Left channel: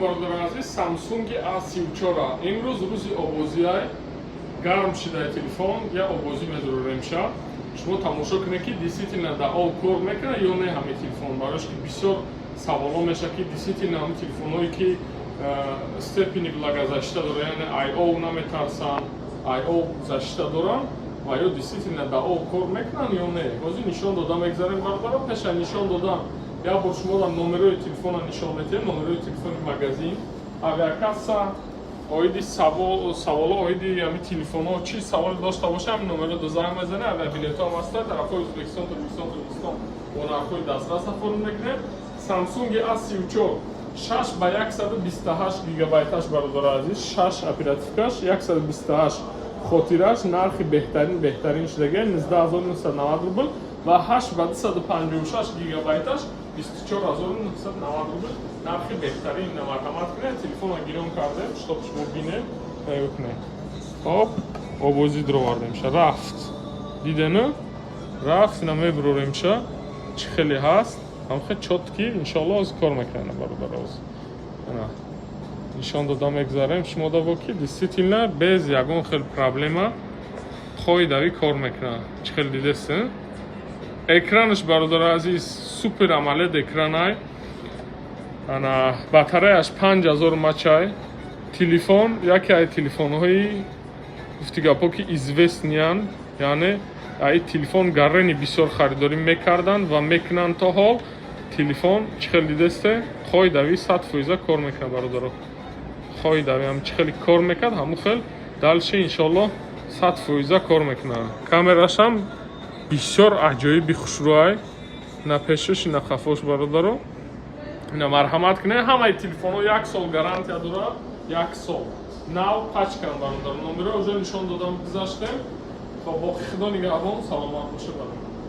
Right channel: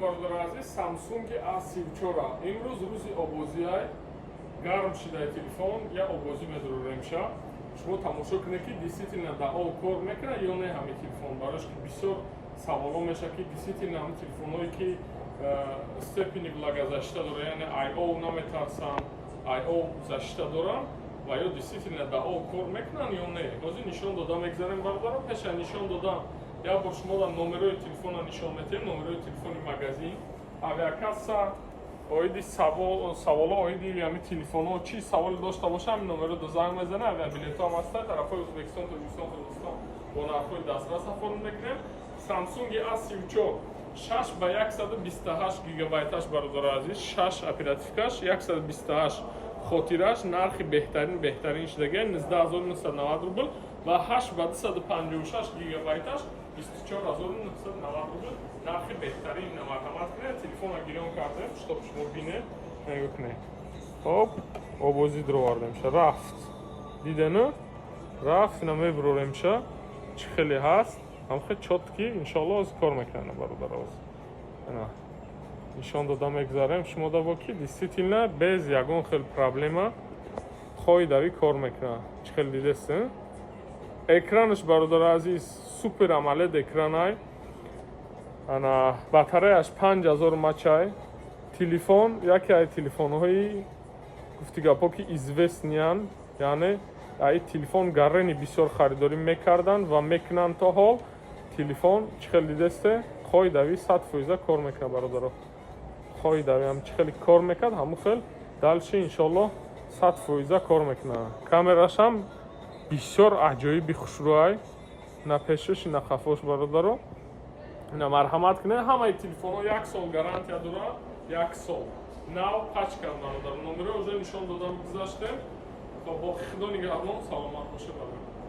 бародари азиз, Samsung A34 имрӯз рӯзи обозиай гарм шидаи телефон я обозӣ медурӯремша. Шумо тамошо кунед ки действительно дао кор мекунад ё не ҳамин телефон. Барош ки бисёр саволо мешавад ки действительно ҳамин телефонҳое ки степени влагозащита дорад, яъне IO наметарсанд, IO защита доранд ва ё действительно дао кор мекунанд ё не. Ҳозир нишон дода мегзарем бародаро. Пеша нишон додам я бор шумо номерои телефона нишон медиҳем, номерои телефони магазин, авиакасса, оиди саволо оиди ҳамин телефонҳо чӣ савол дошта боша ҳамин номеро занг мезанед, авиабилетҳо ҳаста тарафҳои Ӯзбекистон, Тоҷикистон, Қирғизистон бо нархҳои дастрас офарид мекунем. Samsung A34 6 ба 128 гигабайташ бародари азиз, 6 оперативкаш, 128 хотираш, нархи беҳтарин шудаги 19990 рубл ва 8 ба 256 гигабайташ 24990 рубл. Нархи беҳтарин марҳамат кунед, телефонро гирён кардем, чтоб шумо бинед, тайёр кунед. Хоп, обозӣ дуровардемша, рафт. Дидену? Рафт, ина мебуроремша. Чӣ хеле ҳаст? ҳамхел чотки, иншаллоҳ оз кор мекунад бародар оз. Ана нишон дода мегзарем шумо даво ки действительно без ягон хел проблема қоидави кор мекунад. Чӣ хел дидест? Экранаш бародари азиз супер амолед экранай. Ана батареяш 5000 мачай. Телефон яке ай телефонҳои гуфтигапо ки известниян, яъне ай телефон гаррени бисёр харидорӣ мекарданд ва мекунанд то ҳол. Телефон чӣ хел дидесте? Қоидави 100% кор мекунад бародаро. Қоидави ҳам чӣ хели кор мекунад, ҳамон хел далши иншаллоҳ 100% кор мекунад. Камерашам бисёр аҷоиби хушрӯай. На пешош, на хафош бародаро. Ина марҳамат кунед, ҳамаи телефонҳо 1 сол гарантия дорад, 1 сол. Нав пачкан бародаро. Номеро уже нишон додам гузаштем. Хоб боқи худо нигаҳбон, саломат боша бародаро.